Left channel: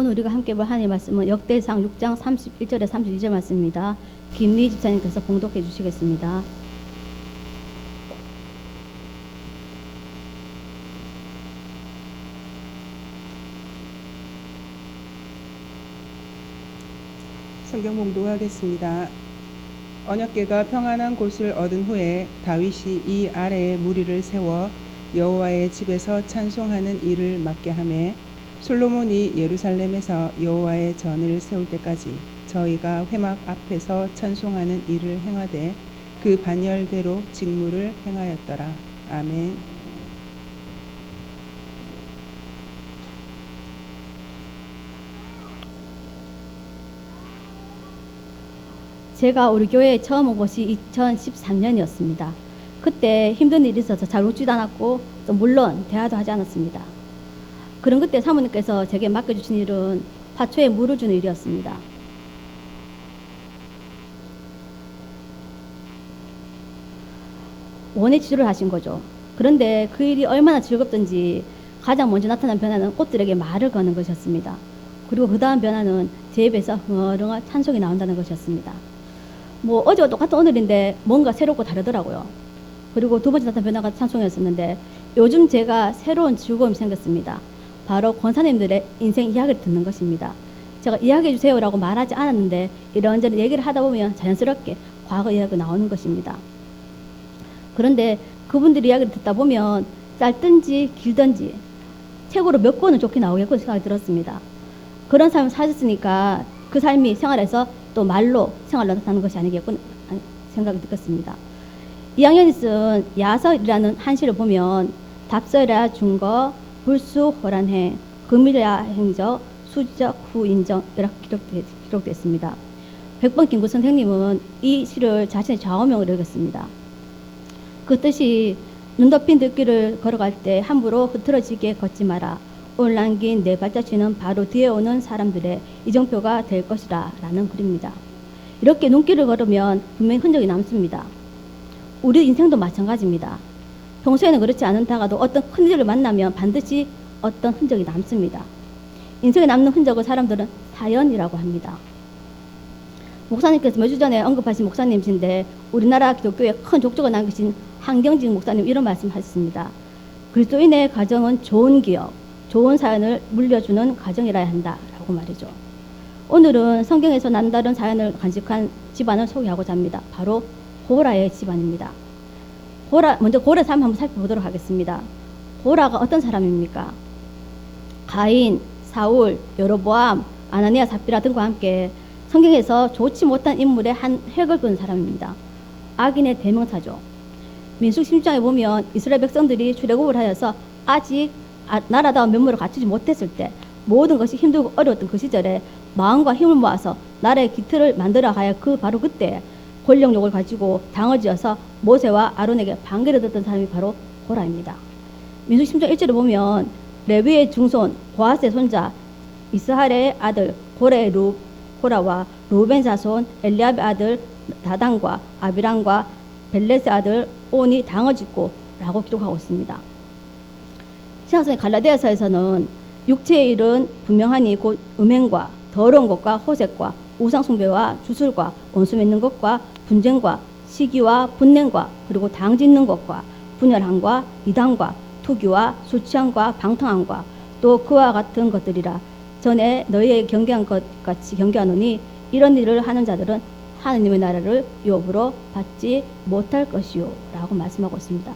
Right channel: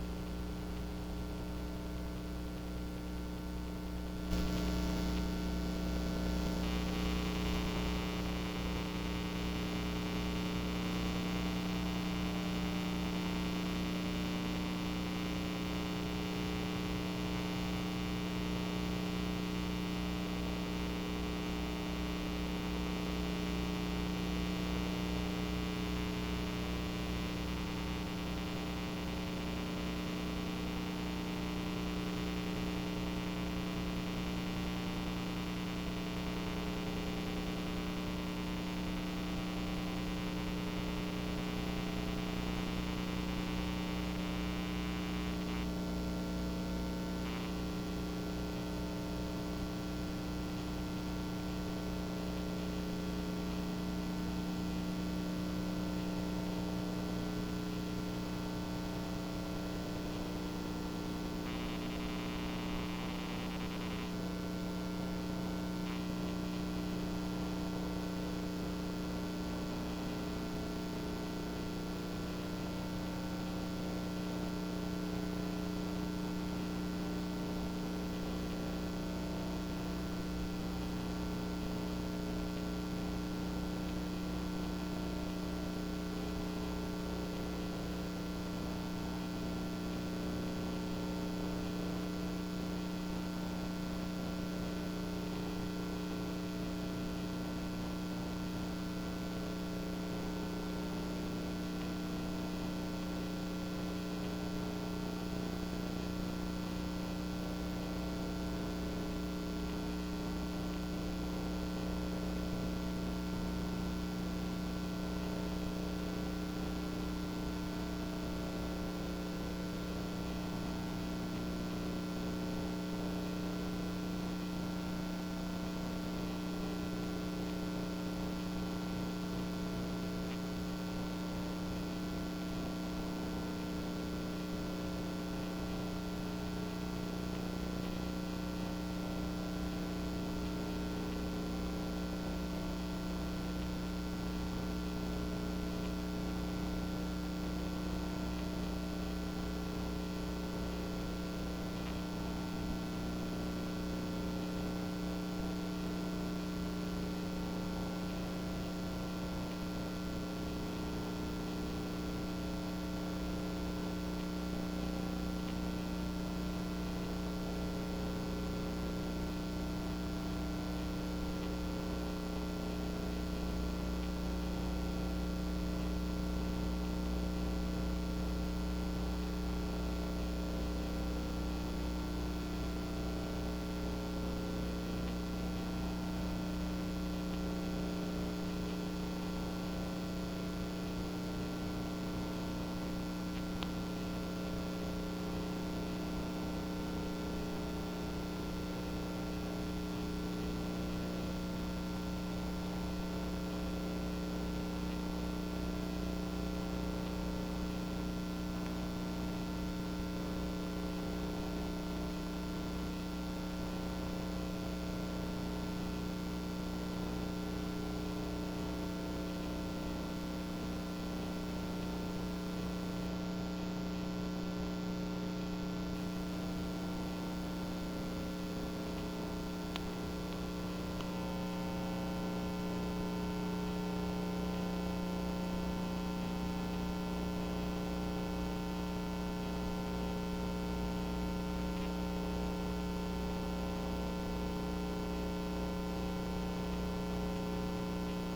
오늘 우리가 함께 볼 하나님의 말씀은 역대상 6장 31절에 32절 말씀입니다. 김미 집사님께서 봉독해 주시겠습니다. 성경 봉독하겠습니다. 언약궤가 평안한 곳을 얻은 후에 다윗이 이 아래에 무리를 세워 여호와의 집에서 찬송하는 일을 맡게 하매 솔로몬이 예루살렘에서 여호와의 전을 세울 때까지 저희가 회막 앞에서 찬송하는 일을 행하되 그 반열대로 직무를 행하였더라. 아멘. 제가 우리 교회에 처음 온 것이 2013년이었습니다. 그때 힘든 일이 있어서 잘 웃지도 않았고 또 물론 대화도 하지 않았습니다. 그런 그때 사모님께서 제게 맡겨주신 일은 화초에 물을 주는 일이었습니다. 원의 치료를 하신 거죠. 그런데 그 일이 얼마나 즐겁던지 가장 먼저 나타난 변화는 꽃들에게 말을 거는 것이었습니다. 그리고 그 다음 변화는 제 입에서 흥얼흥얼 찬송이 나온다는 것이었습니다. 뭐 어제와 똑같은 오늘인데 뭔가 새롭고 다르더라고요. 그리고 두 번째 나타난 변화가 찬송이었었는데 요즘 제가 새로운 즐거움이 생겼습니다. 바로 권사님들의 인생 이야기를 듣는 것입니다. 제가 이야기해 주세요라고 말하지 않았는데 이런저런 얘기를 하다 보면 자연스럽게 과거 이야기가 나오는 것입니다. 그런데 그분들 이야기를 듣다 보면 짧든지 길든지 책으로 몇 권은 좋게 나오겠군 생각이 들었습니다. 그런 삶을 사셨으니까 그 삶이 생활에서 또 말로 생활로 나타나는 것이 아니겠군 생각이 들었습니다. 이학년이 쓴 야설이라는 한시를 보면 답설이라 준거 불수 호란해 금일야 행적 수적 후인정 이렇게 기록되어 있습니다. 백번 김구 선생님은 이 시를 자신의 좌우명으로 읽었습니다. 그 뜻이 눈 덮인 들길을 걸어갈 때 함부로 흐트러지게 걷지 마라. 오늘 남긴 네 발자취는 바로 뒤에 오는 사람들의 이정표가 될 것이라 라는 글입니다. 이렇게 눈길을 걸으면 분명히 흔적이 남습니다. 우리 인생도 마찬가지입니다. 평소에는 그렇지 않다가도 어떤 흔적을 만나면 반드시 어떤 흔적이 남습니다. 인생에 남는 흔적을 사람들은 사연이라고 합니다. 목사님께서 몇 주 전에 언급하신 목사님이신데 우리나라 기독교에 큰 족적을 남기신 한경직 목사님 이런 말씀하셨습니다. 그리스도인의 가정은 좋은 기업, 좋은 사연을 물려주는 가정이라야 한다 라고 말이죠. 오늘은 성경에서 남다른 사연을 간직한 집안을 소개하고자 합니다. 바로 보라의 집안입니다. 먼저 고라의 삶을 한번 살펴보도록 하겠습니다. 보라가 어떤 사람입니까? 가인, 사울, 여로보암, 아나니아, 삽비라 등과 함께 성경에서 좋지 못한 인물의 한 획을 그은 사람입니다. 악인의 대명사죠. 민수기 16장에 보면 이스라엘 백성들이 출애굽을 하여서 아직 나라다운 면모를 갖추지 못했을 때 모든 것이 힘들고 어려웠던 그 시절에 마음과 힘을 모아서 나라의 기틀을 만들어 하여 바로 그때 권력욕을 가지고 당을 지어서 모세와 아론에게 반기를 듣던 사람이 바로 보라입니다. 민수기 16장 1절을 보면 레위의 중손 보아스의 손자 이스할의 아들 고라와 루벤 자손 엘리압의 아들 다단과 아비람과 벨렛의 아들 온이 당을 짓고 라고 기록하고 있습니다. 신약성의 갈라디아서에서는 육체의 일은 분명하니 곧 음행과 더러운 것과 호색과 우상숭배와 주술과 원수 맺는 것과 분쟁과 시기와 분냄과 그리고 당 짓는 것과 분열함과 이단과 투기와 술 취함과 방탕함과 또 그와 같은 것들이라. 전에 너희에게 경계한 것 같이 경계하노니 이런 일을 하는 자들은 하느님의 나라를 유업으로 받지 못할 것이요 라고 말씀하고 있습니다.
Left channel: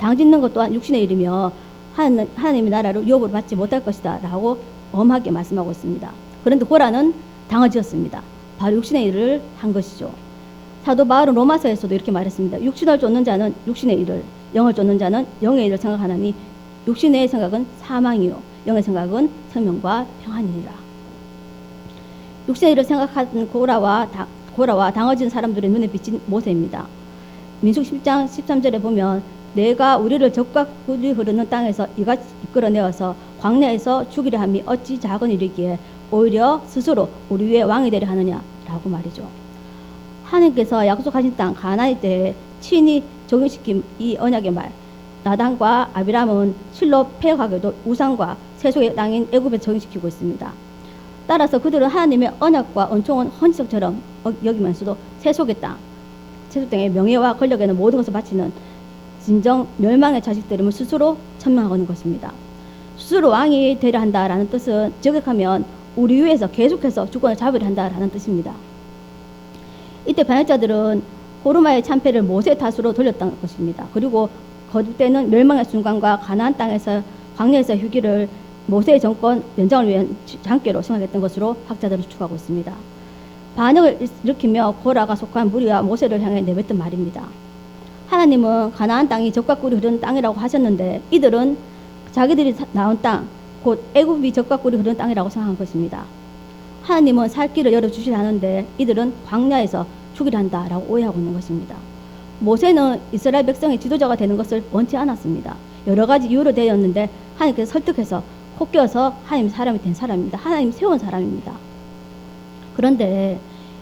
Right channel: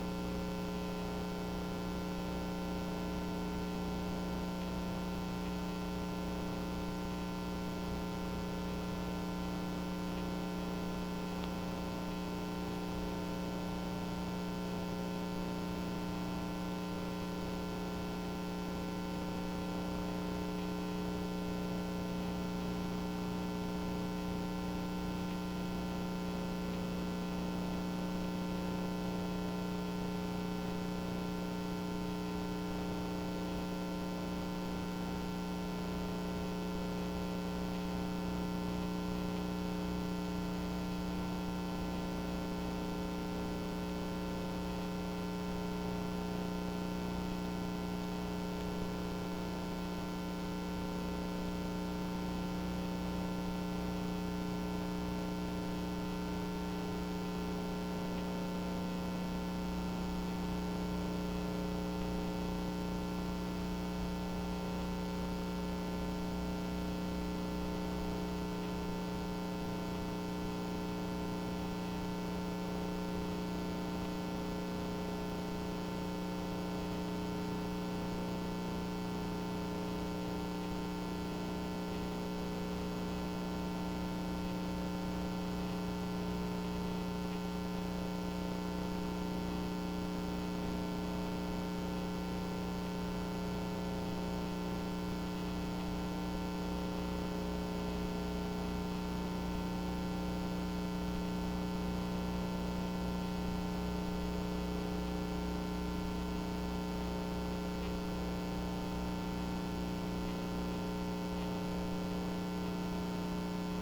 당 짓는 것 또한 육신의 일이며 하나님의 나라를 유업으로 받지 못할 것이다 라고 엄하게 말씀하고 있습니다. 그런데 고라는 당을 지었습니다. 바로 육신의 일을 한 것이죠. 사도 바울은 로마서에서도 이렇게 말했습니다. 육신을 쫓는 자는 육신의 일을, 영을 쫓는 자는 영의 일을 생각하나니 육신의 생각은 사망이요 영의 생각은 생명과 평안이니라. 육신의 일을 생각하는 고라와 당을 지은 사람들의 눈에 비친 모세입니다. 민수기 10장 13절에 보면 내가 우리를 적과 꿀이 흐르는 땅에서 이같이 이끌어내어서 광야에서 죽이려 함이 어찌 작은 일이기에 오히려 스스로 우리 위에 왕이 되려 하느냐 라고 말이죠. 하나님께서 약속하신 땅 가나안 때에 친히 적용시킨 이 언약의 말, 나단과 아비람은 실로 폐역하게도 우상과 세속의 땅인 애굽에 적용시키고 있습니다. 따라서 그들은 하나님의 언약과 은총은 헌신처럼 여기면서도 세속의 땅, 세속 땅의 명예와 권력에는 모든 것을 바치는 진정 멸망의 자식들임을 스스로 천명하는 것입니다. 스스로 왕이 되려 한다라는 뜻은 저격하면 우리 위에서 계속해서 주권을 잡으려 한다라는 뜻입니다. 이때 반역자들은 호르마의 참패를 모세 탓으로 돌렸다는 것입니다. 그리고 거듭되는 멸망의 순간과 가나안 땅에서 광야에서 휴기를 모세의 정권 연장을 위한 장깨로 생각했던 것으로 학자들은 추측하고 있습니다. 반역을 일으키며 고라가 속한 무리와 모세를 향해 내뱉은 말입니다. 하나님은 가나안 땅이 젖과 꿀이 흐르는 땅이라고 하셨는데 이들은 자기들이 나온 땅, 곧 애굽이 젖과 꿀이 흐르는 땅이라고 생각한 것입니다. 하나님은 살 길을 열어주시려 하는데 이들은 광야에서 죽이려 한다라고 오해하고 있는 것입니다. 모세는 이스라엘 백성의 지도자가 되는 것을 원치 않았습니다. 여러 가지 이유로 되었는데 하나님께서 설득해서 콧겨서 하나님 사람이 된 사람입니다. 하나님이 세운 사람입니다. 그런데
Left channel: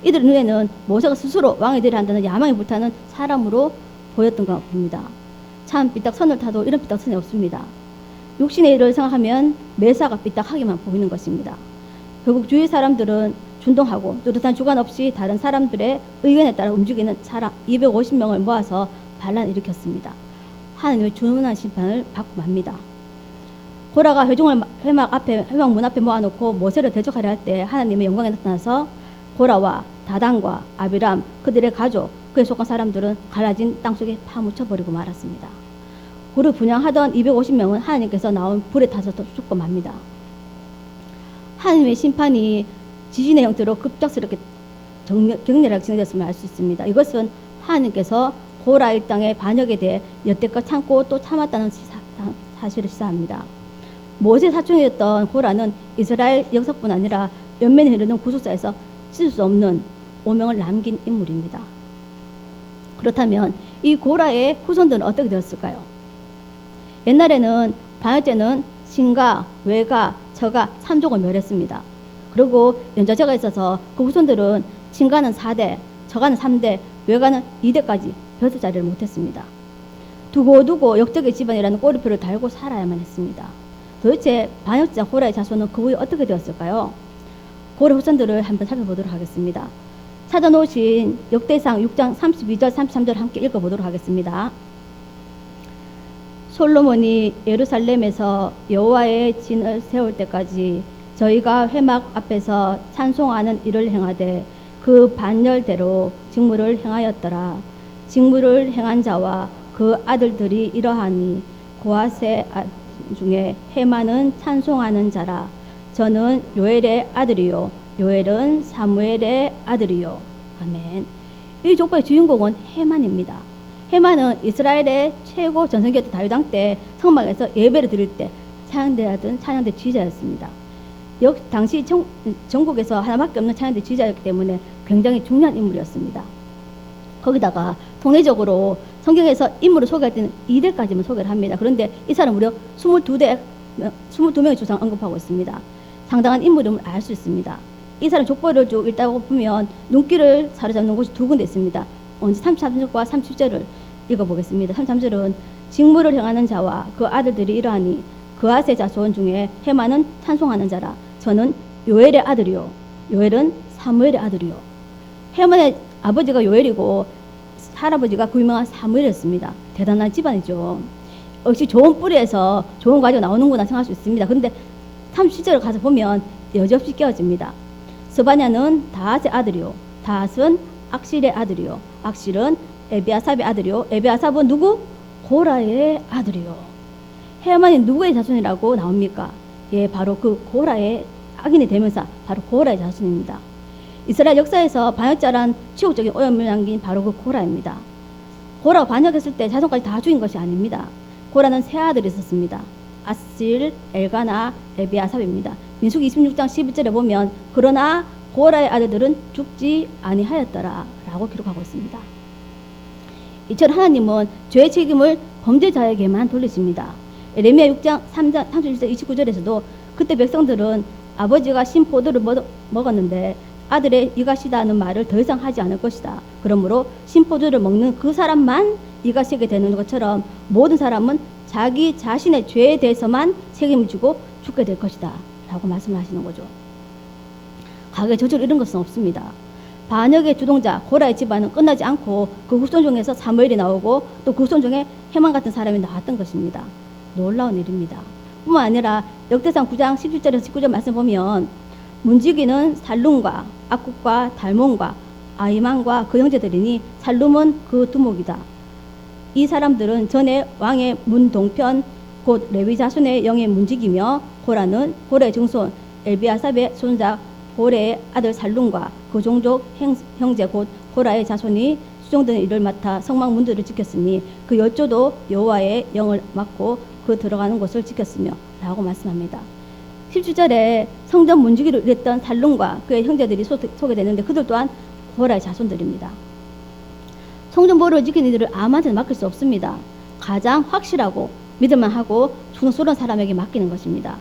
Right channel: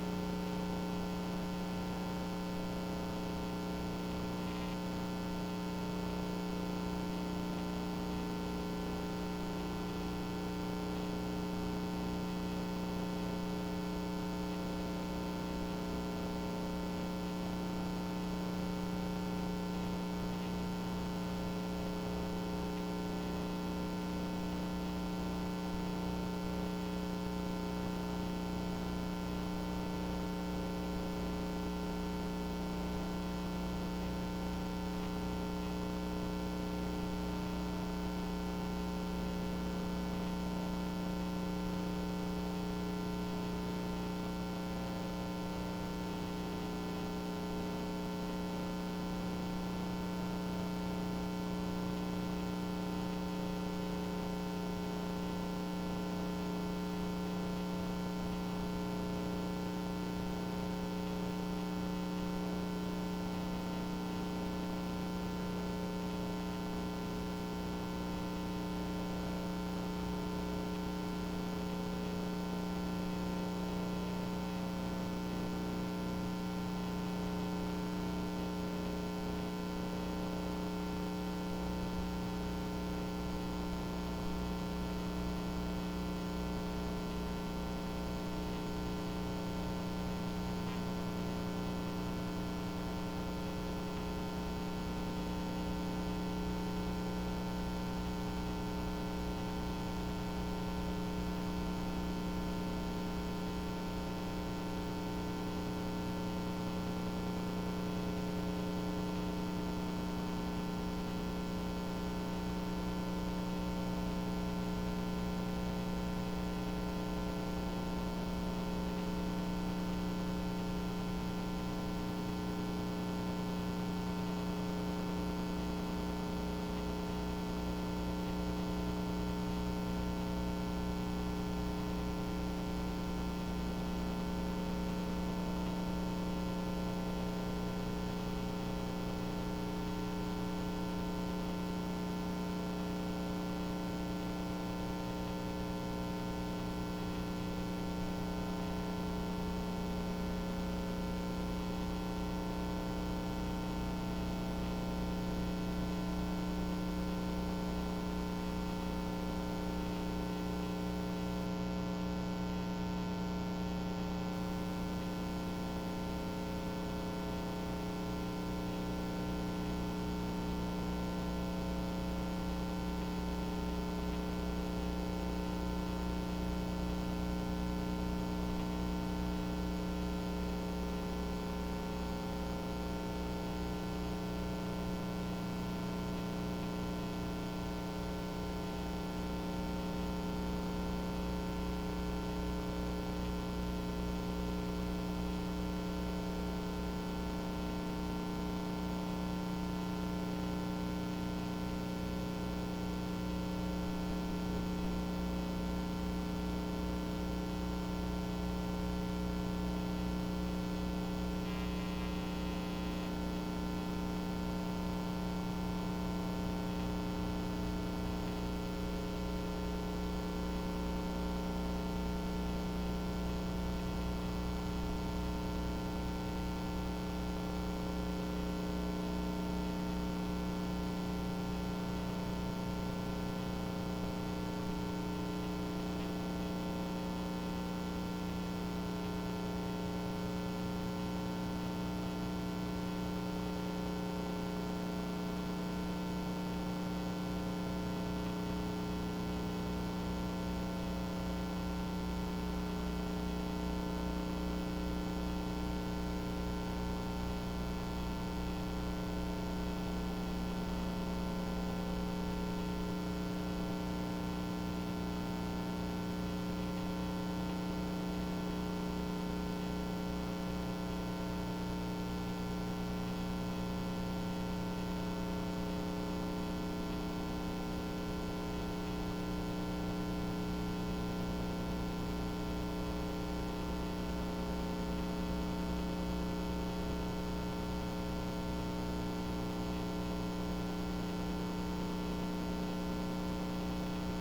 이들 눈에는 모세가 스스로 왕이 되려 한다는 야망이 불타는 사람으로 보였던 것 같습니다. 참 삐딱선을 타도 이런 삐딱선이 없습니다. 육신의 일을 생각하면 매사가 삐딱하게만 보이는 것입니다. 결국 주위 사람들은 준동하고 뚜렷한 주관 없이 다른 사람들의 의견에 따라 움직이는 사람 250명을 모아서 반란을 일으켰습니다. 하나님의 준엄한 심판을 받고 맙니다. 고라가 회중을 회막 문 앞에 모아놓고 모세를 대적하려 할 때 하나님의 영광에 나타나서 고라와 다단과 아비람 그들의 가족 그에 속한 사람들은 갈라진 땅속에 파묻혀버리고 말았습니다. 그를 분양하던 250명은 하나님께서 나온 불에 타서 죽고 맙니다. 하나님의 심판이 지진의 형태로 급작스럽게 격렬하게 진행됐음을 알 수 있습니다. 이것은 하나님께서 고라 일당의 반역에 대해 여태껏 참고 또 참았다는 사실을 시사합니다. 모세 사촌이었던 고라는 이스라엘 역사뿐 아니라 연면에 흐르는 구속사에서 씻을 수 없는 오명을 남긴 인물입니다. 그렇다면 이 고라의 후손들은 어떻게 되었을까요? 옛날에는 반역죄는 신가, 외가, 저가 3족을 멸했습니다. 그리고 연좌제가 있어서 그 후손들은 신가는 4대, 저가는 3대, 외가는 2대까지 벼슬 자리를 못했습니다. 두고두고 역적의 집안이라는 꼬리표를 달고 살아야만 했습니다. 도대체 반역자 고라의 자손은 그 후에 어떻게 되었을까요? 고라 후손들을 한번 살펴보도록 하겠습니다. 찾아놓으신 역대상 6장 32절 33절 함께 읽어보도록 하겠습니다. 솔로몬이 예루살렘에서 여호와의 진을 세울 때까지 저희가 회막 앞에서 찬송하는 일을 행하되 그 반열대로 직무를 행하였더라. 직무를 행한 자와 그 아들들이 이러하니 고아세 중에 헤만은 찬송하는 자라. 저는 요엘의 아들이요 요엘은 사무엘의 아들이요. 아멘. 이 족보의 주인공은 헤만입니다. 헤만은 이스라엘의 최고 전성기였던 다윗왕 때 성막에서 예배를 드릴 때 찬양대하던 찬양대 지휘자였습니다. 당시 전국에서 하나밖에 없는 찬양대 지휘자였기 때문에 굉장히 중요한 인물이었습니다. 거기다가 통례적으로 성경에서 인물을 소개할 때는 2대까지만 소개를 합니다. 그런데 이 사람 무려 22명의 조상 언급하고 있습니다. 상당한 인물임을 알 수 있습니다. 이 사람 족보를 쭉 읽다 보면 눈길을 사로잡는 곳이 두 군데 있습니다. 먼저 33절과 30절을 읽어보겠습니다. 33절은 직무를 행하는 자와 그 아들들이 이러하니 그아세 자손 중에 헤만은 찬송하는 자라. 저는 요엘의 아들이요 요엘은 사무엘의 아들이요. 헤만의 아버지가 요엘이고 할아버지가 그 유명한 사무엘이었습니다. 대단한 집안이죠. 역시 좋은 뿌리에서 좋은 과자가 나오는구나 생각할 수 있습니다. 그런데 30절을 가서 보면 여지없이 깨어집니다. 스바냐는 다앗의 아들이요 다앗은 악실의 아들이요 악실은 에비아삽의 아들이요 에비아삽은 누구? 고라의 아들이요. 헤만이 누구의 자손이라고 나옵니까? 예, 바로 그 고라의 악인의 대명사 바로 고라의 자손입니다. 이스라엘 역사에서 반역자란 치욕적인 오염을 남긴 바로 그 고라입니다. 고라가 반역했을 때 자손까지 다 죽인 것이 아닙니다. 고라는 세 아들이 있었습니다. 아실, 엘가나, 에비아삽입니다. 민수기 26장 11절에 보면 그러나 고라의 아들들은 죽지 아니하였더라 라고 기록하고 있습니다. 이처럼 하나님은 죄의 책임을 범죄자에게만 돌리십니다. 에레미야 6장 3장 31절 29절에서도 그때 백성들은 아버지가 신 포도를 먹었는데 아들의 이가 시다는 말을 더 이상 하지 않을 것이다. 그러므로 신 포도를 먹는 그 사람만 이가 시게 되는 것처럼 모든 사람은 자기 자신의 죄에 대해서만 책임을 지고 죽게 될 것이다 라고 말씀하시는 거죠. 가게 저주를 이런 것은 없습니다. 반역의 주동자 고라의 집안은 끝나지 않고 그 후손 중에서 사무엘이 나오고 또 그 후손 중에 해만 같은 사람이 나왔던 것입니다. 놀라운 일입니다. 뿐만 아니라 역대상 9장 17절에서 19절 말씀 보면 문지기는 살룸과 악국과 달몬과 아이만과 그 형제들이니 살룸은 그 두목이다. 이 사람들은 전에 왕의 문 동편 곧 레위 자손의 영의 문지기며 고라는 고레의 증손 엘비아삽의 손자 고레의 아들 살룸과 그 종족 형제 곧 고라의 자손이 수종되는 일을 맡아 성막 문들을 지켰으니 그 열조도 여호와의 영을 맡고 그 들어가는 곳을 지켰으며 라고 말씀합니다. 17절에 성전 문지기를 일했던 살룸과 그의 형제들이 소개되는데 그들 또한 고라의 자손들입니다. 성전보를 지키는 일을 아무한테나 맡길 수 없습니다. 가장 확실하고 믿을만하고 충성스러운 사람에게 맡기는 것입니다.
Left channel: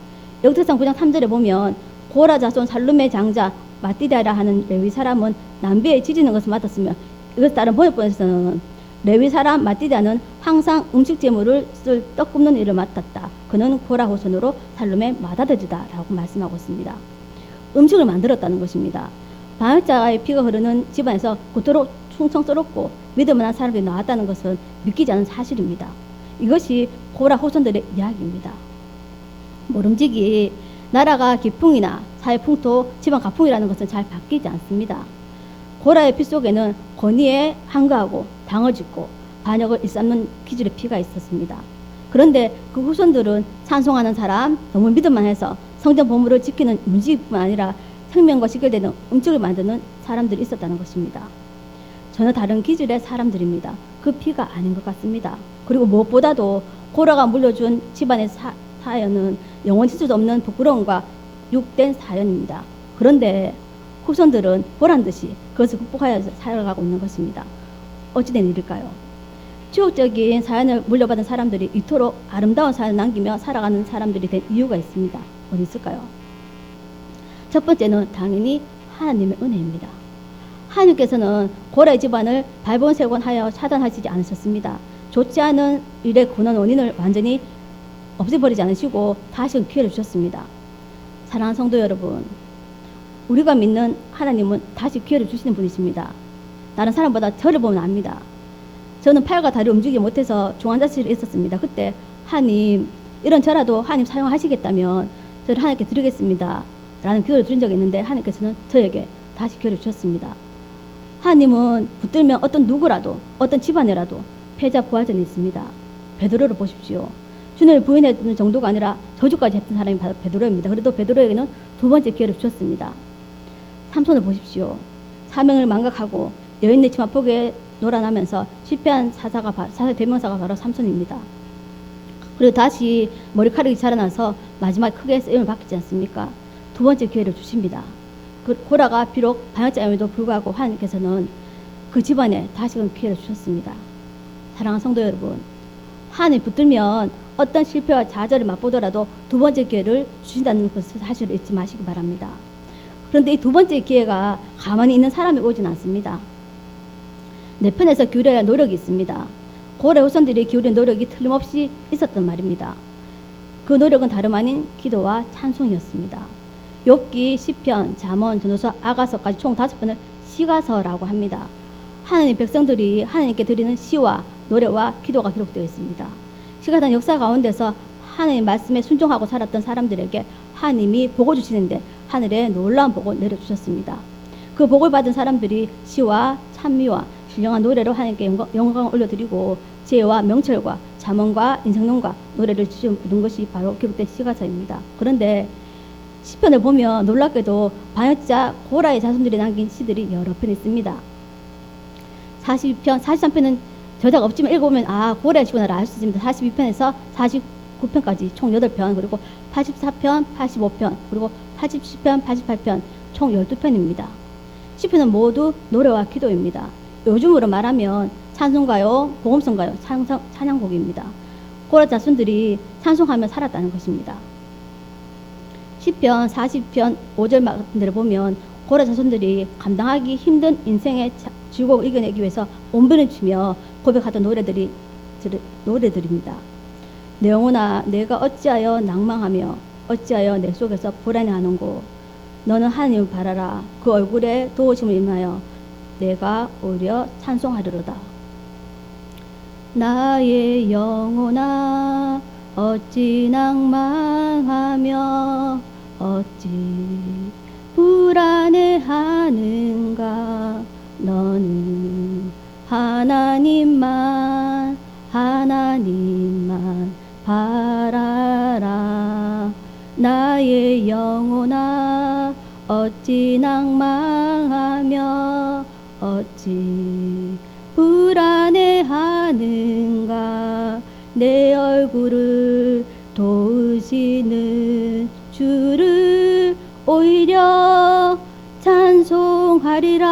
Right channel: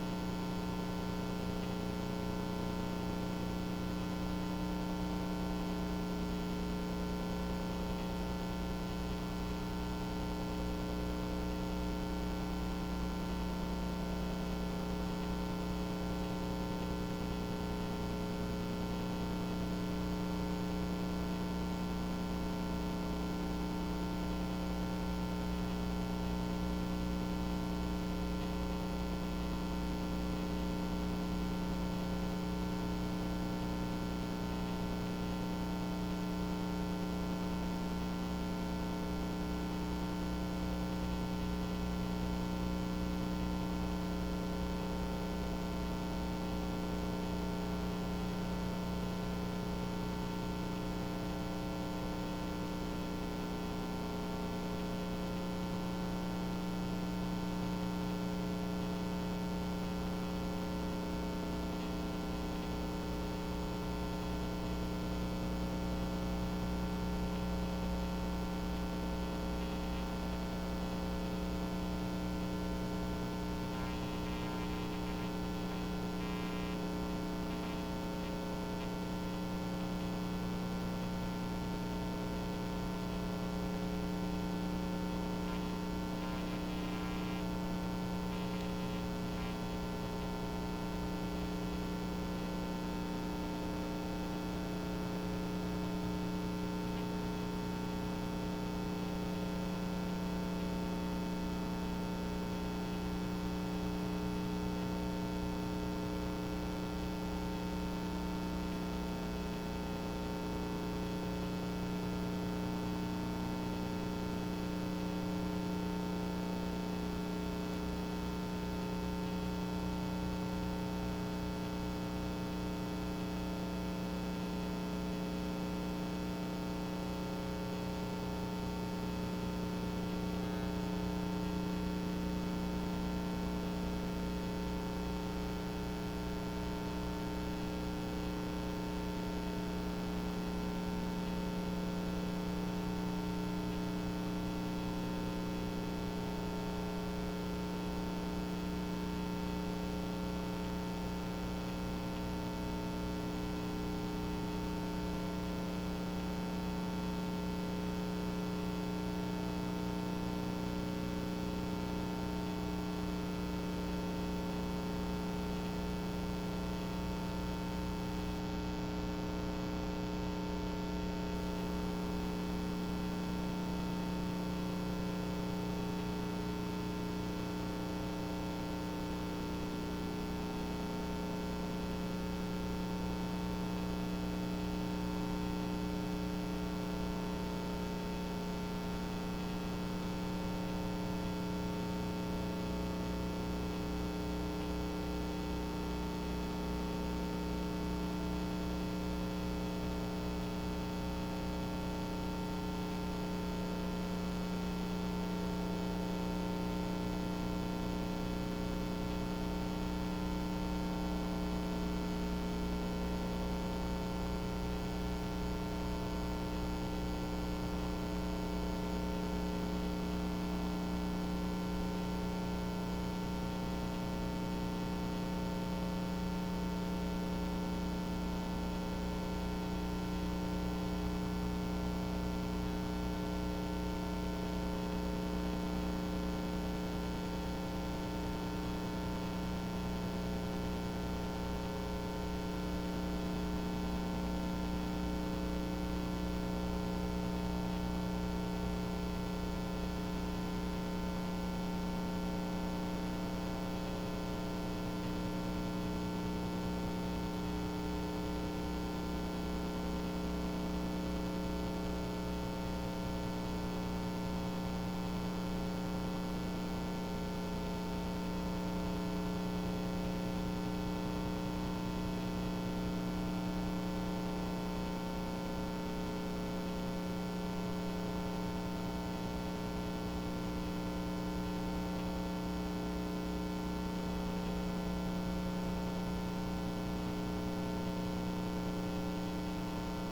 역대상 9장 3절에 보면 고라 자손 살룸의 장자 마띠다라 하는 레위 사람은 남비에 지지는 것을 맡았으며 이것 다른 번역본에서는 레위 사람 마띠다는 항상 음식 재물을 쓸 떡 굽는 일을 맡았다. 그는 고라 후손으로 살룸의 맏아들이다 라고 말씀하고 있습니다. 음식을 만들었다는 것입니다. 반역자의 피가 흐르는 집안에서 그토록 충성스럽고 믿음만한 사람들이 나왔다는 것은 믿기지 않은 사실입니다. 이것이 고라 후손들의 이야기입니다. 모름지기 나라가 기풍이나 사회 풍토, 집안 가풍이라는 것은 잘 바뀌지 않습니다. 고라의 피 속에는 권위에 항거하고 당을 짓고 반역을 일삼는 기질의 피가 있었습니다. 그런데 그 후손들은 찬송하는 사람, 너무 믿음만해서 성전 보물을 지키는 문지기뿐만 아니라 생명과 직결되는 음식을 만드는 사람들이 있었다는 것입니다. 전혀 다른 기질의 사람들입니다. 그 피가 아닌 것 같습니다. 그리고 무엇보다도 고라가 물려준 집안의 사연은 영원히 수 없는 부끄러움과 육된 사연입니다. 그런데 후손들은 보란듯이 그것을 극복하여 살아가고 있는 것입니다. 어찌된 일일까요? 추억적인 사연을 물려받은 사람들이 이토록 아름다운 사연을 남기며 살아가는 사람들이 된 이유가 있습니다. 어디 있을까요? 첫 번째는 당연히 하나님의 은혜입니다. 하나님께서는 고라의 집안을 발본색원하여 차단하시지 않으셨습니다. 좋지 않은 일의 근원 원인을 완전히 없애버리지 않으시고 다시 기회를 주셨습니다. 사랑하는 성도 여러분, 우리가 믿는 하나님은 다시 기회를 주시는 분이십니다. 다른 사람보다 저를 보면 압니다. 저는 팔과 다리 움직이지 못해서 중환자실에 있었습니다. 그때 하나님, 이런 저라도 하나님 사용하시겠다면 저를 하나님께 드리겠습니다 라는 기회를 주신 적이 있는데 하나님께서는 저에게 다시 기회를 주셨습니다. 하나님은 붙들면 어떤 누구라도 어떤 집안이라도 패자 부활전이 있습니다. 베드로를 보십시오. 주님을 부인했던 정도가 아니라 저주까지 했던 사람이 바로 베드로입니다. 그래도 베드로에게는 두 번째 기회를 주셨습니다. 삼손을 보십시오. 사명을 망각하고 여인의 치마폭에 놀아나면서 실패한 사사의 대명사가 바로 삼손입니다. 그리고 다시 머리카락이 자라나서 마지막에 크게 쓰임을 받지 않습니까? 두 번째 기회를 주십니다. 그 고라가 비록 반역자임에도 불구하고 하나님께서는 그 집안에 다시금 기회를 주셨습니다. 사랑하는 성도 여러분, 하나님 붙들면 어떤 실패와 좌절을 맛보더라도 두 번째 기회를 주신다는 것을 사실을 잊지 마시기 바랍니다. 그런데 이 두 번째 기회가 가만히 있는 사람이 오진 않습니다. 내 편에서 기울여야 할 노력이 있습니다. 고래 후손들이 기울인 노력이 틀림없이 있었단 말입니다. 그 노력은 다름 아닌 기도와 찬송이었습니다. 욥기, 시편, 잠언, 전도서, 아가서까지 총 5편을 시가서라고 합니다. 하나님 백성들이 하나님께 드리는 시와 노래와 기도가 기록되어 있습니다. 시가서는 역사 가운데서 하나님 말씀에 순종하고 살았던 사람들에게 하나님이 복을 주시는데 하늘에 놀라운 복을 내려주셨습니다. 그 복을 받은 사람들이 시와 찬미와 신령한 노래로 하나님께 영광을 올려드리고 지혜와 명철과 잠언과 인성용과 노래를 지은 것이 바로 기록된 시가서입니다. 그런데 시편을 보면 놀랍게도 반역자 고라의 자손들이 남긴 시들이 여러 편 있습니다. 42편, 43편은 저자가 없지만 읽어보면 고라의 시구나를 알 수 있습니다. 42편에서 49편까지 총 8편, 그리고 84편, 85편, 그리고 80편, 88편 총 12편입니다. 시편은 모두 노래와 기도입니다. 요즘으로 말하면 찬송가요, 복음성가요, 찬양곡입니다. 고라 자손들이 찬송하며 살았다는 것입니다. 시편 40편 5절 말씀대로 보면 고라 자손들이 감당하기 힘든 인생의 즐거움을 이겨내기 위해서 온변을 치며 고백하던 노래들입니다. 내 영혼아, 내가 어찌하여 낭망하며 어찌하여 내 속에서 불안해하는고. 너는 하나님을 바라라. 그 얼굴에 도우심을 인하여 내가 오히려 찬송하리로다. 나의 영혼아 어찌 낭망하며 어찌 불안해하는가. 너는 하나님만 바라라. 나의 영혼아 어찌 낭망하며 어찌 불안해하는가. 내 얼굴을 도우시는 주를 오히려 찬송하리라.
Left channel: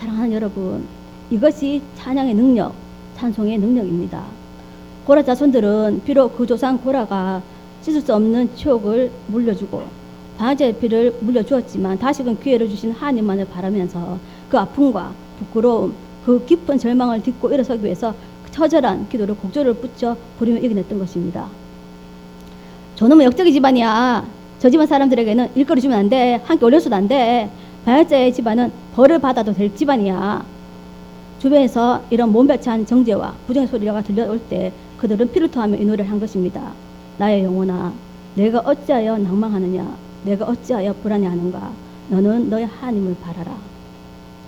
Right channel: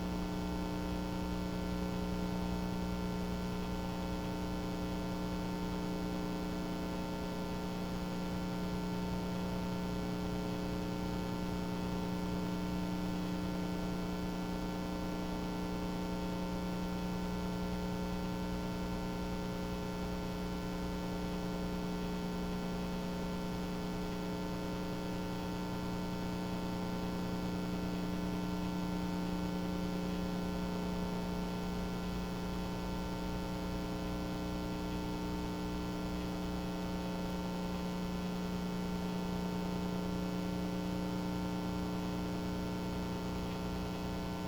사랑하는 여러분, 이것이 찬양의 능력, 찬송의 능력입니다. 고라 자손들은 비록 그 조상 고라가 씻을 수 없는 추억을 물려주고 방아쇠의 피를 물려주었지만 다시금 기회를 주신 하나님만을 바라면서 그 아픔과 부끄러움, 그 깊은 절망을 딛고 일어서기 위해서 처절한 기도를 곡조를 붙여 부리며 이겨냈던 것입니다. 저놈은 역적의 집안이야. 저 집안 사람들에게는 일거리 주면 안 돼. 함께 올려서도 안 돼. 바야자의 집안은 벌을 받아도 될 집안이야. 주변에서 이런 몸배찬 정죄와 부정의 소리가 들려올 때 그들은 피를 토하며 이 노래를 한 것입니다. 나의 영혼아 내가 어찌하여 낭망하느냐. 내가 어찌하여 불안해하는가. 너는 너의 하나님을 바라라.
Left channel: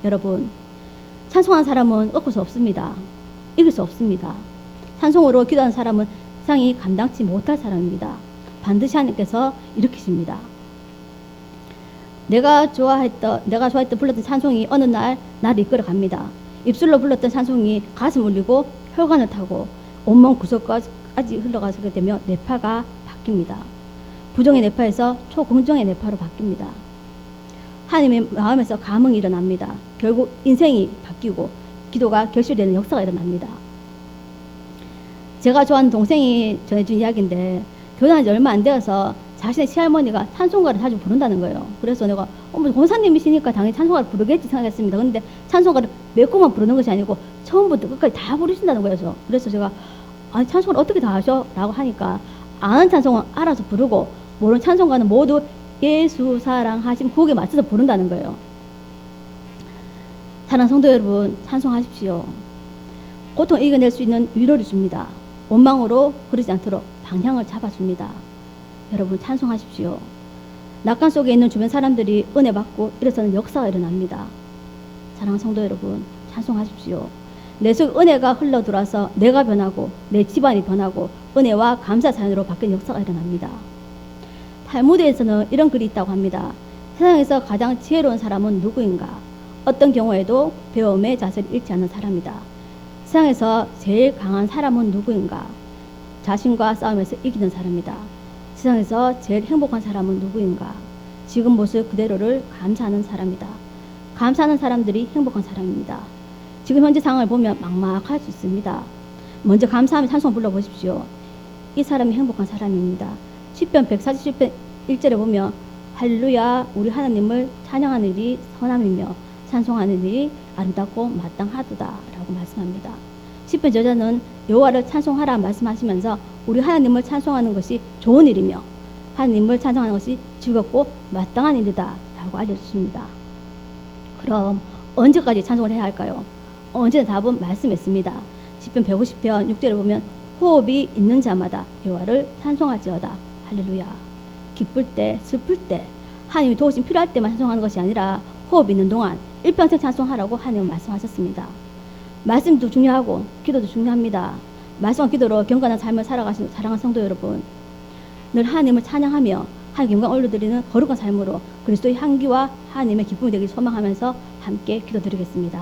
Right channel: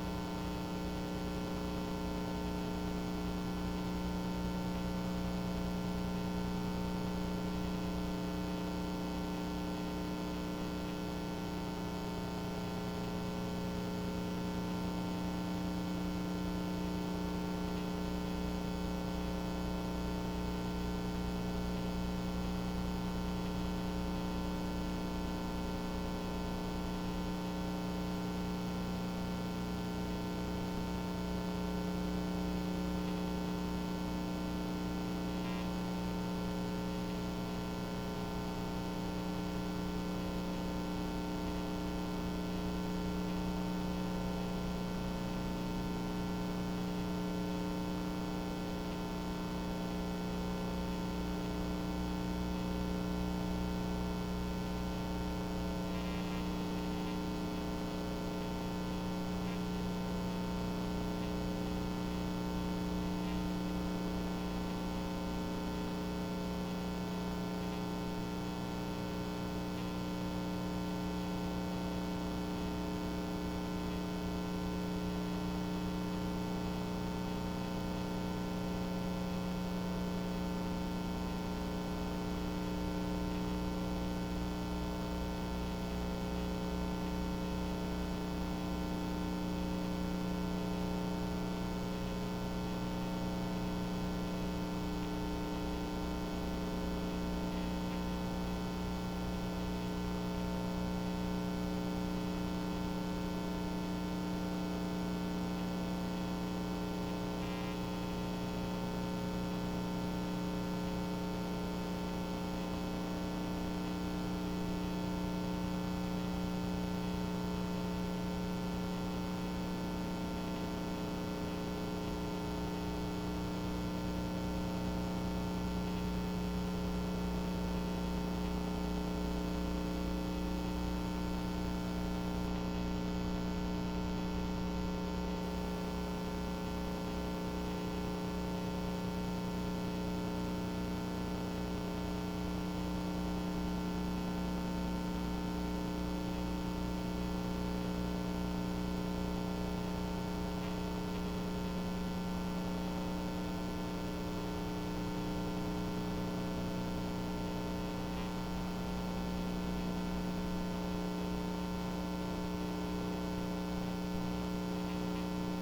여러분, 찬송한 사람은 꺾을 수 없습니다. 이길 수 없습니다. 찬송으로 기도하는 사람은 세상이 감당치 못할 사람입니다. 반드시 하나님께서 일으키십니다. 내가 좋아했던 불렀던 찬송이 어느 날 나를 이끌어 갑니다. 입술로 불렀던 찬송이 가슴 울리고 혈관을 타고 온몸 구석까지 흘러가게 되며 뇌파가 바뀝니다. 부정의 뇌파에서 초긍정의 뇌파로 바뀝니다. 하나님의 마음에서 감흥이 일어납니다. 결국 인생이 바뀌고 기도가 결실되는 역사가 일어납니다. 제가 좋아하는 동생이 전해준 이야기인데 결혼한 지 얼마 안 되어서 자신의 시할머니가 찬송가를 자주 부른다는 거예요. 그래서 내가 권사님이시니까 당연히 찬송가를 부르겠지 생각했습니다. 근데 찬송가를 몇 곡만 부르는 것이 아니고 처음부터 끝까지 다 부르신다는 거예요. 그래서 제가 아니 찬송을 어떻게 다 하셔? 라고 하니까 아는 찬송은 알아서 부르고 모르는 찬송가는 모두 예수 사랑하심 곡에 맞춰서 부른다는 거예요. 사랑하는 성도 여러분, 찬송하십시오. 고통 이겨낼 수 있는 위로를 줍니다. 원망으로 그러지 않도록 방향을 잡아줍니다. 여러분 찬송하십시오. 낙관 속에 있는 주변 사람들이 은혜 받고 일어서는 역사가 일어납니다. 사랑하는 성도 여러분, 찬송하십시오. 내 속 은혜가 흘러 들어와서 내가 변하고 내 집안이 변하고 은혜와 감사 사연으로 바뀌는 역사가 일어납니다. 탈무드에서는 이런 글이 있다고 합니다. 세상에서 가장 지혜로운 사람은 누구인가? 어떤 경우에도 배움의 자세를 잃지 않는 사람이다. 세상에서 제일 강한 사람은 누구인가? 자신과 싸우면서 이기는 사람이다. 세상에서 제일 행복한 사람은 누구인가? 지금 모습 그대로를 감사하는 사람이다. 감사하는 사람들이 행복한 사람입니다. 지금 현재 상황을 보면 막막할 수 있습니다. 먼저 감사하며 찬송 불러보십시오. 이 사람이 행복한 사람입니다. 시편 147편 1절에 보면 할렐루야 우리 하나님을 찬양하는 일이 선함이며 찬송하는 일이 아름답고 마땅하도다 라고 말씀합니다. 시편 저자는 여호와를 찬송하라 말씀하시면서 우리 하나님을 찬송하는 것이 좋은 일이며 하나님을 찬송하는 것이 즐겁고 마땅한 일이다 라고 알려주십니다. 그럼 언제까지 찬송을 해야 할까요? 언제나 답은 말씀에 있습니다. 시편 150편 6절에 보면 호흡이 있는 자마다 여호와를 찬송할지어다. 할렐루야. 기쁠 때 슬플 때 하나님이 도우심 필요할 때만 찬송하는 것이 아니라 호흡 있는 동안 일평생 찬송하라고 하나님은 말씀하셨습니다. 말씀도 중요하고 기도도 중요합니다. 말씀과 기도로 경건한 삶을 살아가시는 사랑하는 성도 여러분, 늘 하나님을 찬양하며 하나님 영광 올려드리는 거룩한 삶으로 그리스도의 향기와 하나님의 기쁨이 되길 소망하면서 함께 기도드리겠습니다.